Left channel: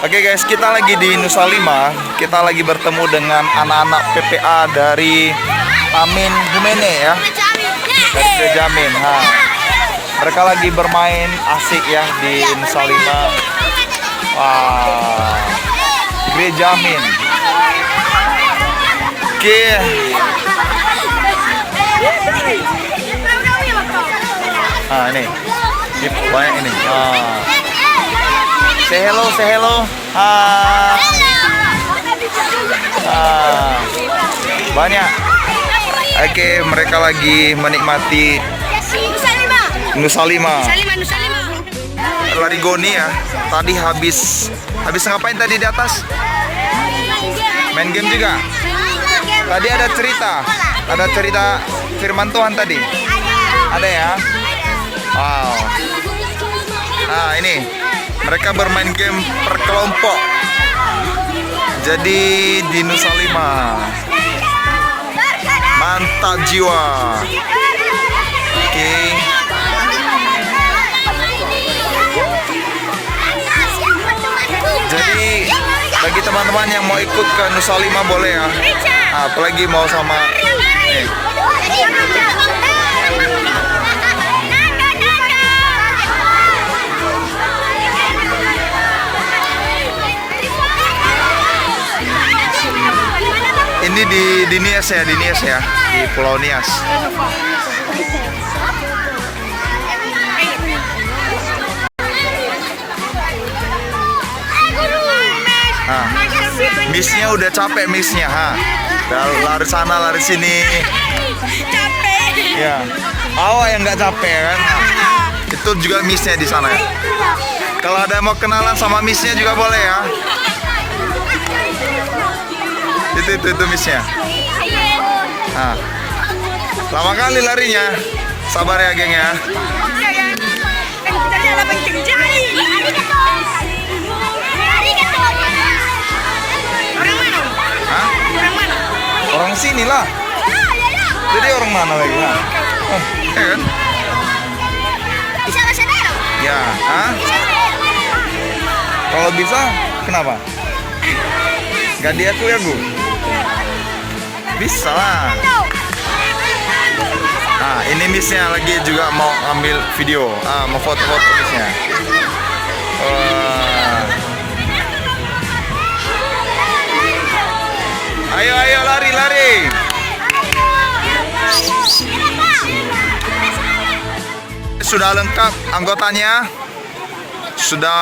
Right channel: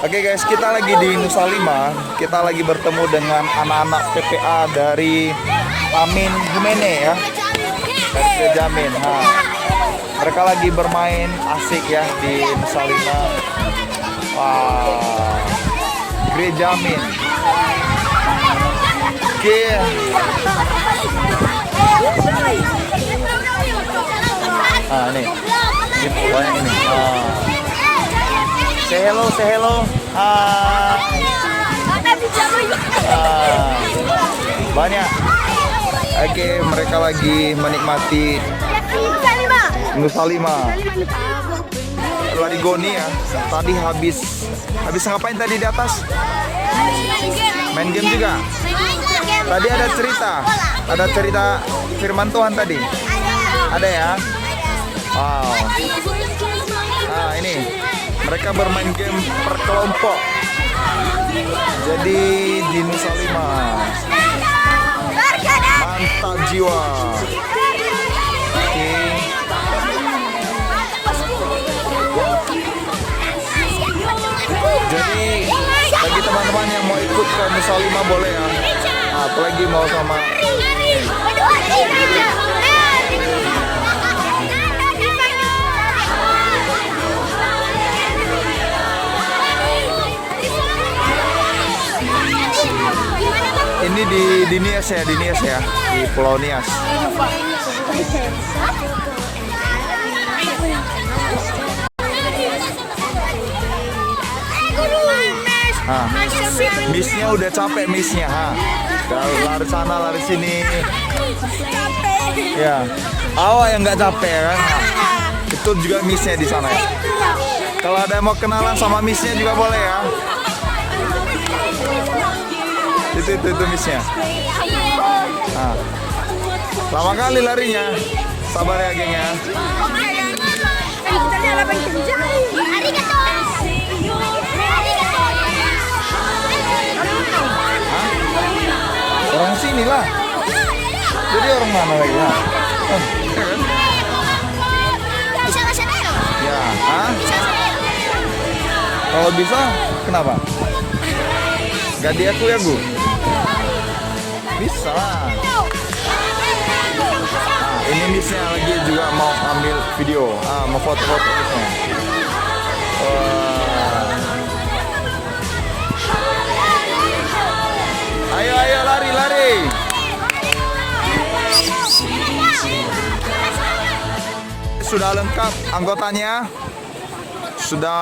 Oke guys, kita lagi di Nusa Lima. Kita lagi bertemu dengan anak-anak PPA dari Amin Humene ya. Dari Jamin. Mereka lagi bermain asik ya di Nusa Lima. Wah, Gereja Amin. Oke. Ini banyak ini. Say hello, say hello. Banyak. Oke, mereka lagi menikmati Nusa Lima. Lari goni ya. Tadi habis ngapain tadi di atas? Main game juga. Tadi ada cerita firman Tuhan tadi. Ada ya. Wow. Nah, ini mereka bermain game per kelompok. Jadi di Nusa Lima. Mantap jiwa. Oke. Jadi bagi teman-teman yang mau ikut ke Nusa Lima boleh ya. Apalagi mau sama ini di Nias ya, di Pulau Nias. Missnya udah capek missnya, lari sana lari sini. Capek. Ya, awak yang nggak capek kan? Itu juga missnya di sana ya. Kalau ada yang mau kenalan sama missnya juga boleh ya. Itu missnya. Lama kali larinya. Sabar ya geng ya. Orang sini lah. Jadi orang mana lagi ya? Kan? Ya, kalau bisa, kenapa? Gak diaku ya, Bu? Bisa lah. Ini missnya lagi juga mau ambil video, mau foto-foto missnya. Ayo lari. Sudah lengkap anggotanya. Sudah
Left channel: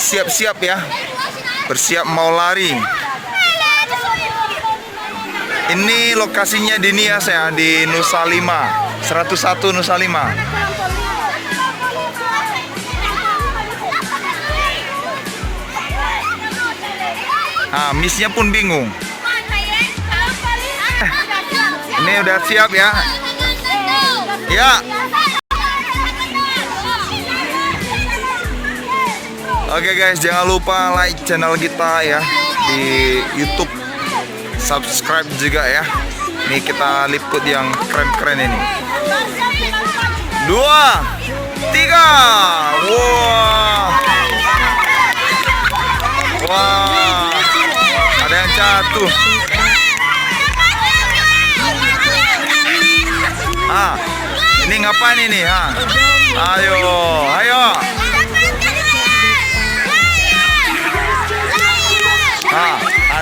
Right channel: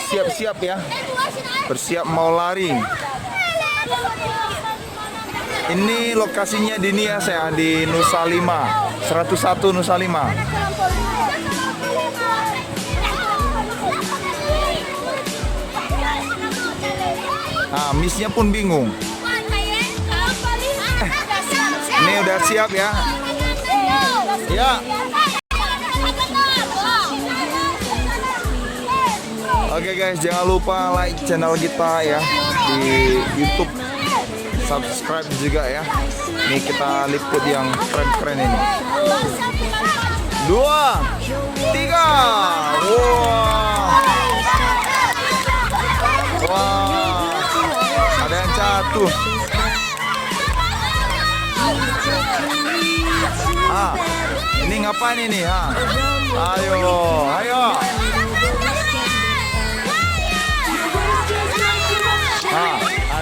siap-siap ya. Bersiap mau lari. Ini lokasinya di Nias ya, di Nusa Lima, 101 Nusa Lima. Missnya pun bingung. Ini udah siap ya. Ya. Oke guys, jangan lupa like channel kita ya di YouTube. Subscribe juga ya. Nih kita liput yang keren-keren ini. 2, 3. Wah. Ada yang jatuh. Ini ngapain ini? Ayo.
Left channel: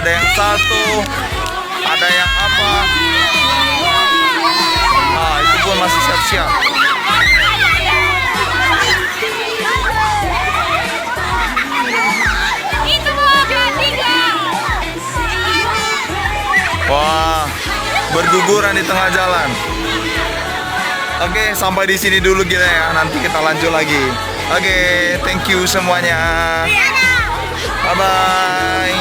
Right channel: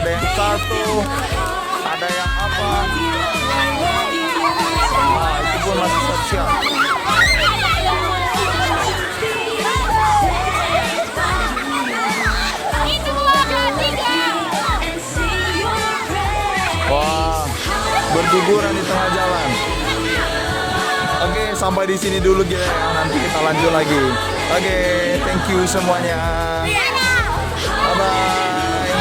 Ada yang satu, ada yang apa? Itu pun masih siap-siap. Wah, berguguran di tengah jalan. Oke, sampai di sini dulu kita ya. Nanti kita lanjut lagi. Oke, thank you semuanya. Bye bye.